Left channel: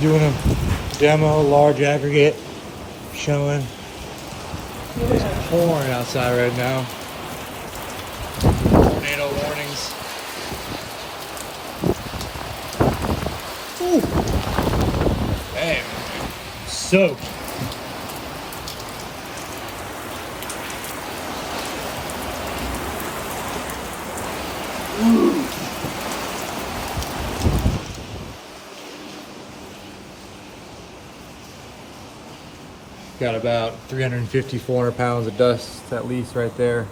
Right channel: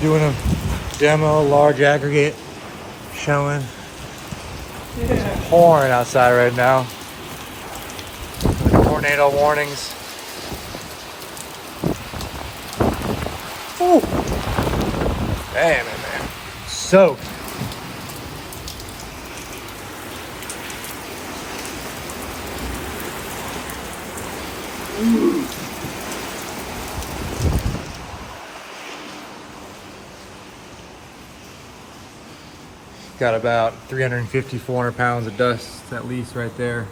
Doing a demo, large aggregate, showing pouring outside right now. Tornado warnings. Ooh. Man, soaked. Got about 350, 400 pounds of dust at least right there.